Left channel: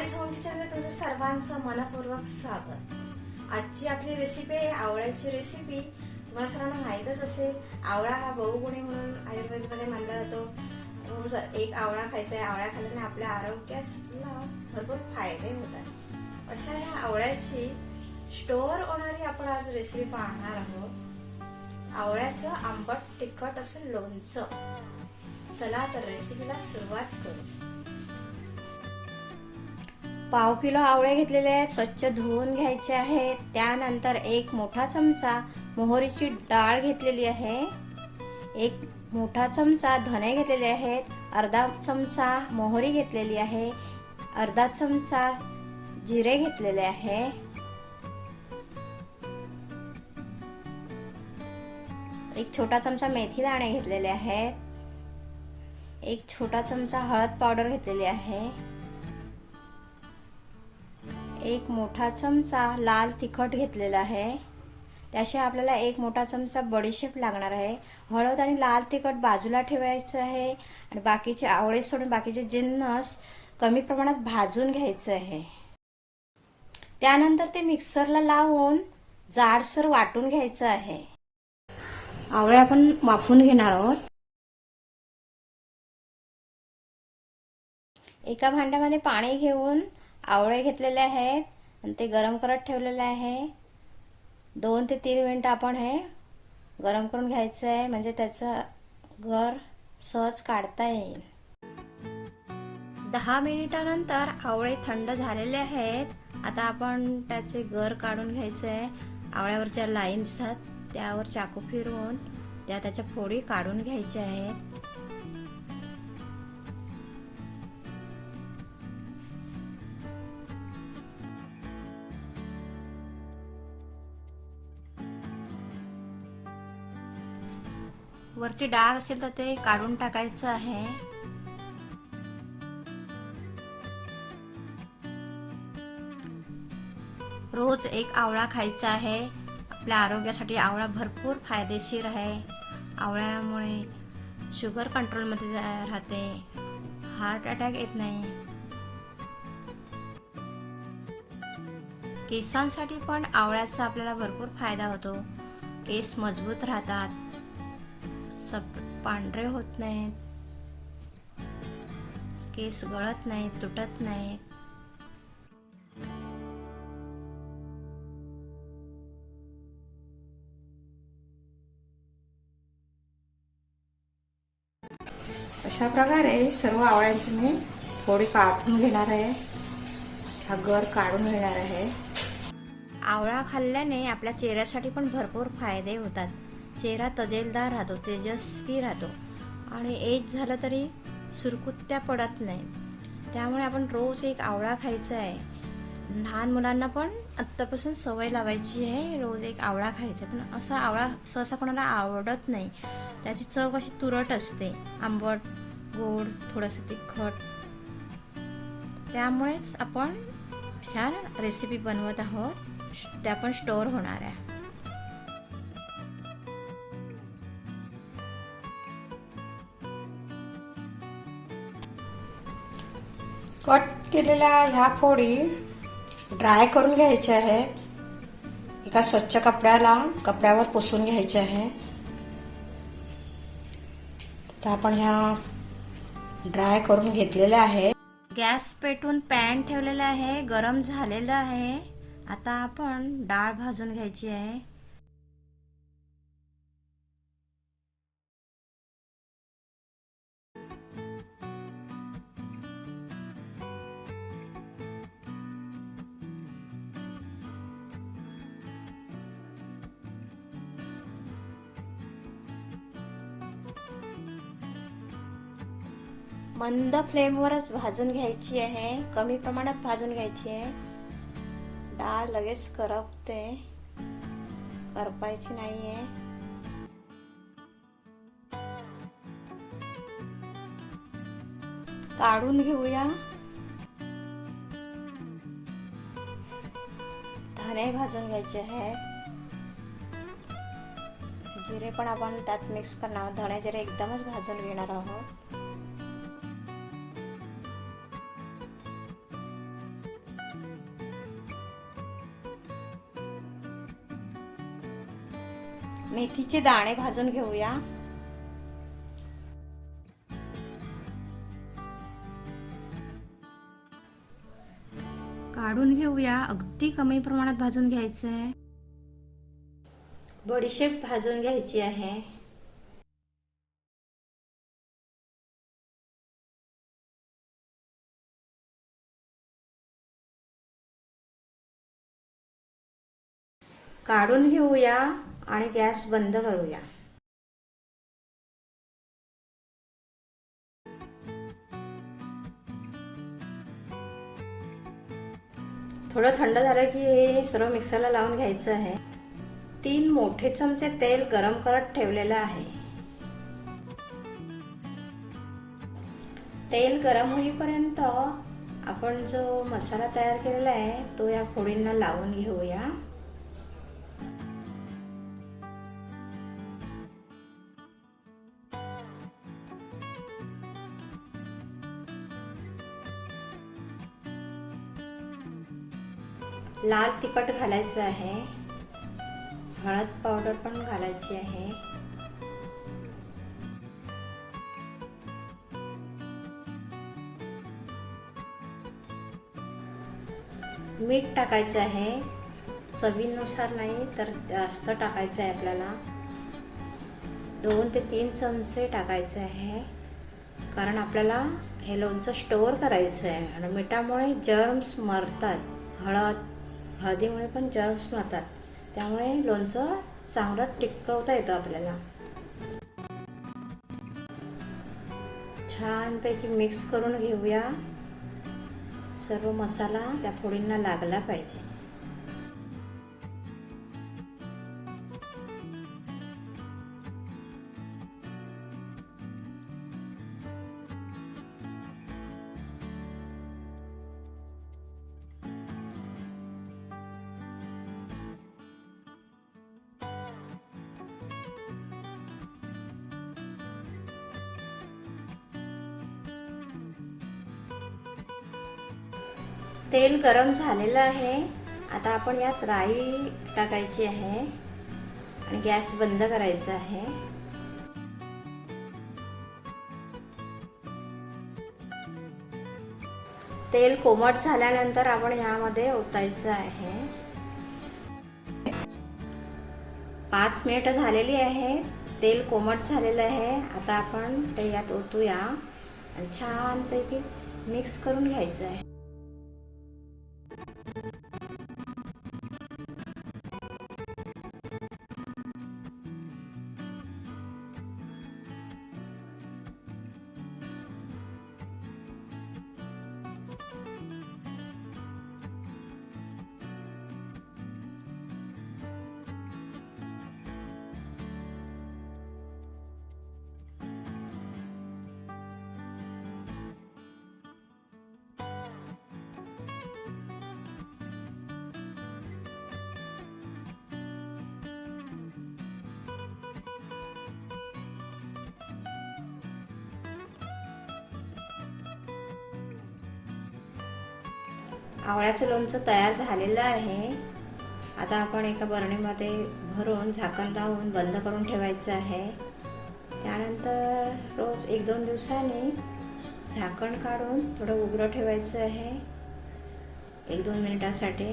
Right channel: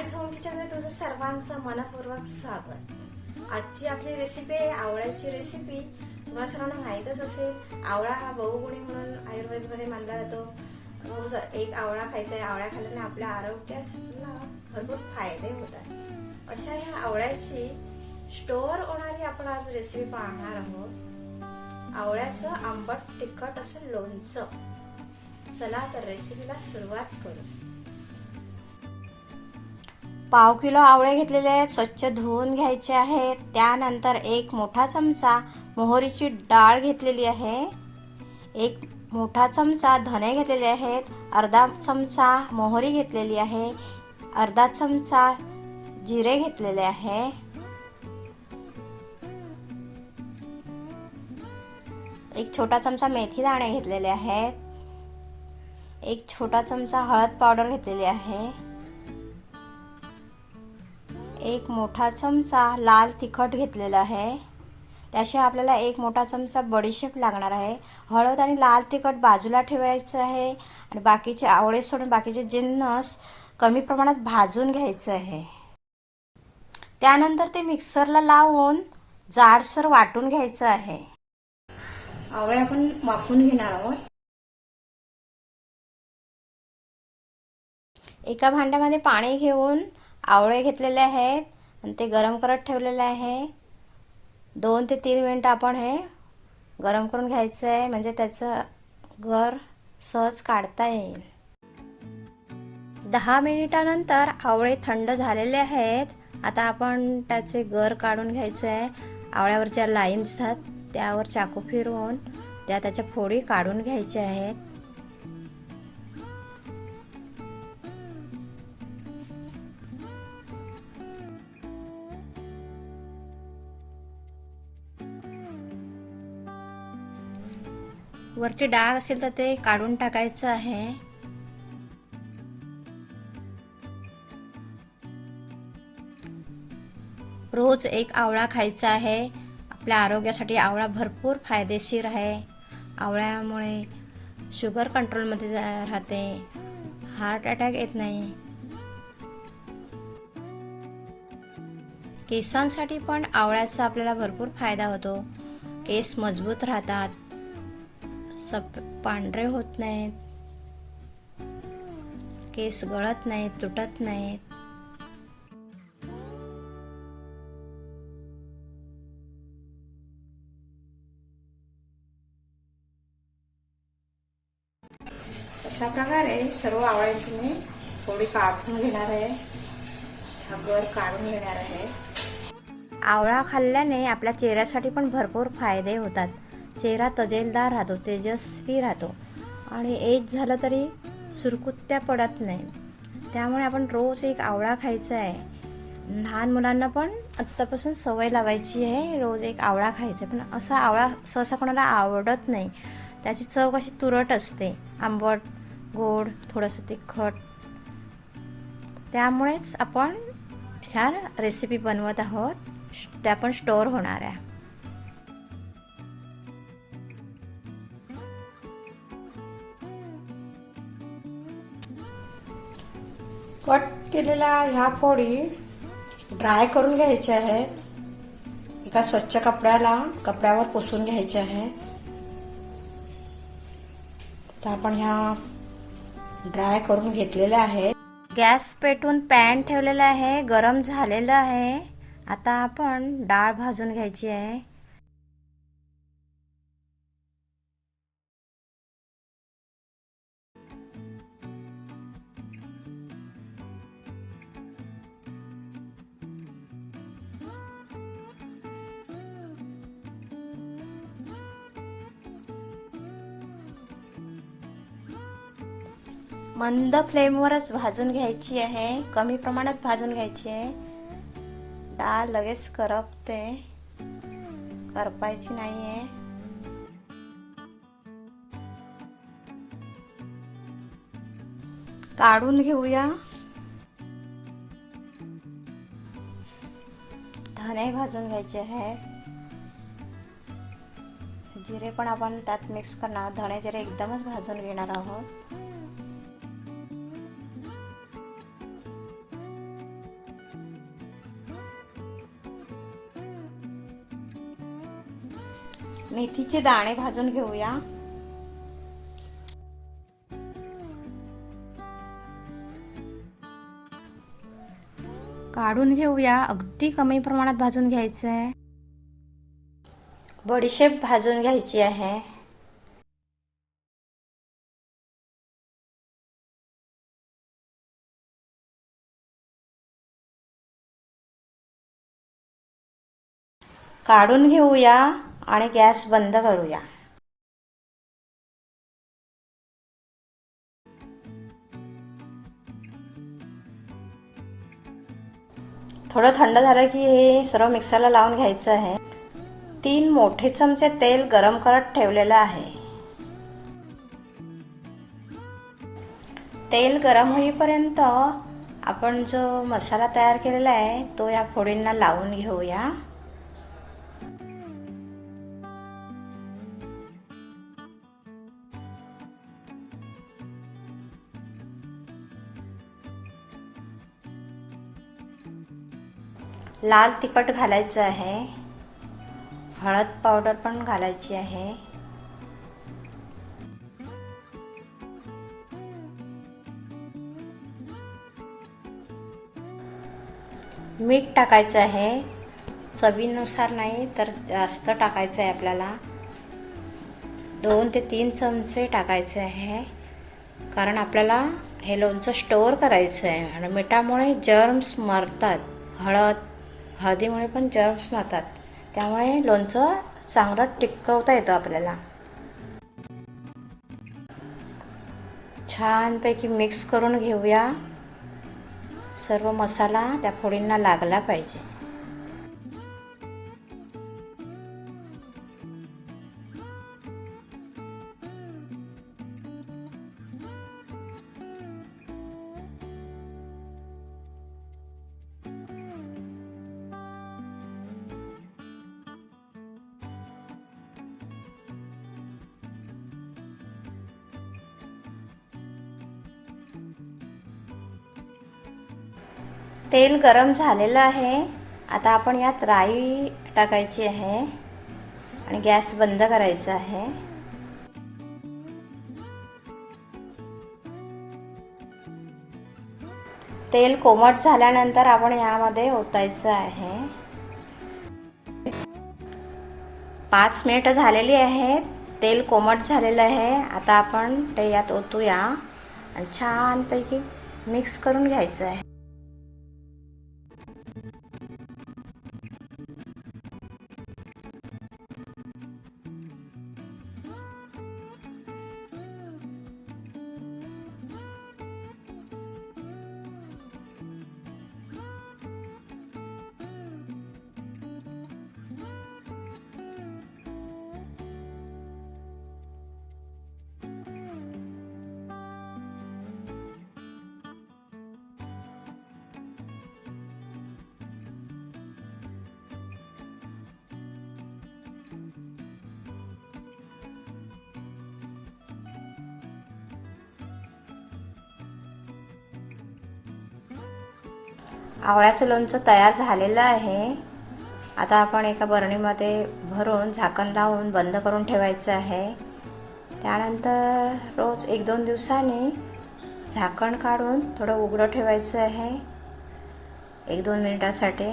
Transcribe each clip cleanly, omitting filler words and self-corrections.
Sonali home किचनमध्ये तुमचं सर्वांचं मनपूर्वक स्वागत। आजची आपली रेसिपी आहे आवळ्याची रेसिपी। तुम्हाला सर्वांना माहीतच असेल, आवळा हा बहुगुणी म्हणून आयुर्वेदमध्ये मानला जातो। रोज एक आवळा खायचा आहे। आवळा खाल्ल्याने आपल्या आरोग्याला भरपूर फायदे होतात। अशा ह्या आवळ्याची स्टोअर होणारी आपण आज रेसिपी पाहणार आहोत। आवळ्याचं आंबट तिखट असं लोणचं। चला तर रेसिपीला सुरुवात करू। पाव किलो आवळे घेतलेले आहेत, स्वच्छ धुवून घ्यायचे आहेत। त्यानंतर एक मोठा चमचा मोहरीची डाळ घेतलेली आहे, एक मोठा चमचा धने घेतलेले आहेत, अर्धा चमचा मोहरी घेतलेली आहे, अर्धा चमचा जिरे घेतलेले आहे, एक छोटा चमचा मेथी दाणे घेतलेले आहेत, एक छोटा चमचा हळद पावडर घेतलेली आहे, एक मोठा चमचा लाल तिखट घेतलेला आहे। त्याशिवाय आपल्याला एक मोठा चमचा बडीशेप लागणार आहे। हळद आणि लाल तिखट बाजूला ठेवायचं आहे आणि बाकीचे आवळे सोडून बाकीचे जिन्नस कमी प्रमाणात भाजून घ्यायचं आहे। त्यानंतर ते मिक्सरला लावून जाडसर वाटून घ्यायचं आहे। आवळे आपण वाफवून घेणार आहोत। एका भांड्यामध्ये पाणी घेऊन आवळे घेतलेले आहेत आणि ते गरम करत ठेवलेले आहे। 2 ते 3 मिनिट आपण हे गरम करून घ्यायचं आहे, म्हणजे त्याचं गर सहज काढता येईल। 10 मिनिटानंतर आवळे थंड झालेले आहेत। आता आपण त्याचे गर काढून घ्यायचे आहे। आवळ्यावर ज्या लाईन दिसतात त्यावर चाकू फिरवून त्याच्या फोडी काढून घ्यायच्या आहेत। वरती डाग असेल तर ते काढून टाकायचं आहे। रोज एक आवळा खायचा आहे। आपल्या आरोग्यासाठी आवळा भरपूर फायदेशीर आहे। आवळ्यामुळे शुगर कंट्रोलमध्ये राहते, हार्ट अटॅक येत नाही। केसांसाठी पण आवळ्याचा आपल्याला भरपूर फायदा होतो। केस मजबूत राहतात, पांढरे होत नाहीत, केस गळत नाहीत, तुटत नाहीत। अशा प्रकारे सर्व आवळ्यांची मी फोडी काढून घेणार आहे, हा गर काढून घेणार आहे। आवळा खाल्ल्याने आपल्या चेहऱ्यासाठी पण भरपूर फायदे होतात। चेहरा तजेलदार राहतो, तेजस्वी राहतो आणि एज झालं तरी सुरकुत्त्या पडत नाही। त्यामुळे आपण रोज एक आवळा खायचा आहे। लहान मुलांना पण आत्तापासून सवय लावायची आहे, रोज एक आवळा खायचा। पण असा आवळा सहसा कोणाला आवडत नाही, त्याची चव कशी तुरट असते, आंबट, गोड, थोडंसं तिखट। त्यामुळेच आपण ह्या रेसिपी बनवत आहोत, त्या पण स्टोअर होणार आहे। कट केलेल्या ह्या फोडी ड्राय करून घ्यायच्या आहेत। एका स्वच्छ कपड्यावर पुसून घ्यायच्या आहेत। तर आपण ह्या ड्राय करून घेतलेल्या आहेत। गॅस पेटवून पॅन ठेवलेला आहे, गरम झालेलं आहे। आता आपण डाळ भाजून घ्यायची आहे। मंद फ्लेमवरच भाजून घ्यायची आहे, कमी प्रमाणात भाजून घ्यायची आहे। डाळ लगेच करपते, करपायची नाहीये। काढून घेऊया। धने भाजून घ्यायचे आहेत, जिरे पण आपण त्यात मिक्स करणार। धणे जिरे एकदमच भाजून घेणार आहोत। मेथीचे दाणे भाजून घेऊया. काढून घेऊया. अगदी कमी प्रमाणात भाजून घ्यायचं आहे. बडीशेप भाजून घ्यायची आहे. काढून घेऊया आणि गॅस बंद करूया. थोडं थंड झालं की हे सर्व मिक्सरला लावून घ्यायचं आहे. 3 मोठे चमचे तेल गरम करत ठेवलेलं आहे. तेल गरम होईपर्यंत आपण जो मसाला तयार केलेला आहे तो या फोडींना लावून घेऊया. लाल तिखट घालायचं आहे. हळद पावडर पण घालायची आहे. मीठ टाकायचं आहे. चवीनुसार नाही तर जास्त टाकायचं आहे आपल्याला. 2 ते 3 चमचे टाकायचे आहे, कारण आपल्याला हे लोणचं स्टोअर करायचं आहे आणि मिठामुळे जर्म्स मरतात. हळदीमुळे पण जर्म्स मरतात, त्यामुळे लोणचं चांगलं टिकवता येतं आपल्याला. छानपैकी मिक्स करून घेऊया. सर्व मसाला त्या फोडींना लागला पाहिजे. तेल गरम झालेलं आहे. आता आपण यात राई टाकायची आहे आणि गॅस बंद करायचा आहे. तेल कोमट झाल्यानंतर आपण यामध्ये ओतायचं आहे. 5 मिनिटं झालेली आहेत. तेल कोमट झालेलं आहे. आता आपण ते यात ओतूया आणि छानपैकी मिक्स करून घ्यायचं आहे. आवळ्याचं लोणचं तयार झालेलं आहे. आता आपण एका बरणीमध्ये भरून झाकण लावून बंद करून ठेवायचं आहे. त्यानंतर रोज 1-2 दिवसांनी झाकण काढून थोडं उघडं ठेवायचं आहे 1-2 मिनिटासाठी.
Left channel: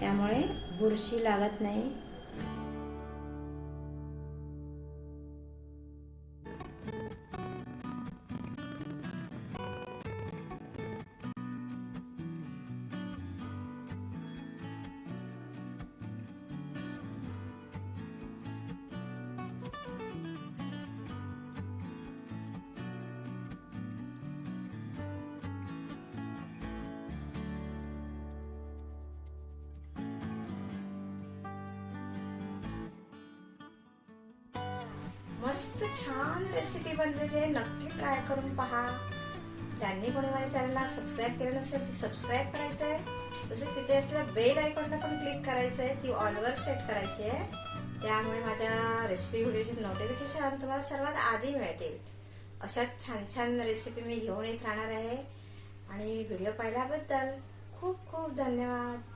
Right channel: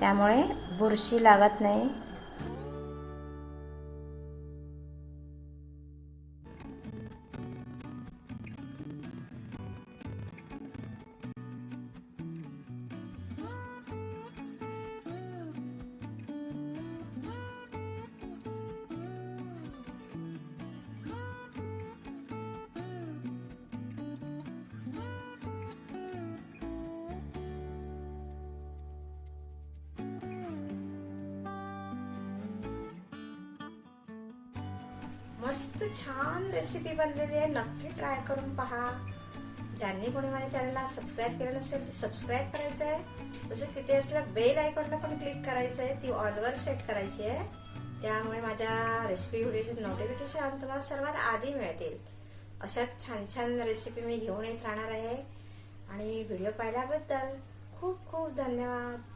त्यामुळे बुरशी लागत नाही. मस्त छान रेसिपी बनलेली आहे. नक्की ट्राय करून पहा. ज्यांनी कोणी माझ्या चॅनलला सबस्क्राईब केलं नसेल ते सबस्क्राईब करायचं आहे. तसंच तिथे असलेल्या बेल आयकॉनला पण क्लिक करायचं आहे. ती ऑलवर सेट करायची आहे. त्यामुळे माझ्या रेसिपी व्हिडिओचे नोटिफिकेशन तुम्हाला सर्वात आधी मिळतील. अशा छान छान रेसिपी मी घेऊन येत राहणार आहे. आणि व्हिडिओ पाहिल्याबद्दल खूप खूप धन्यवाद.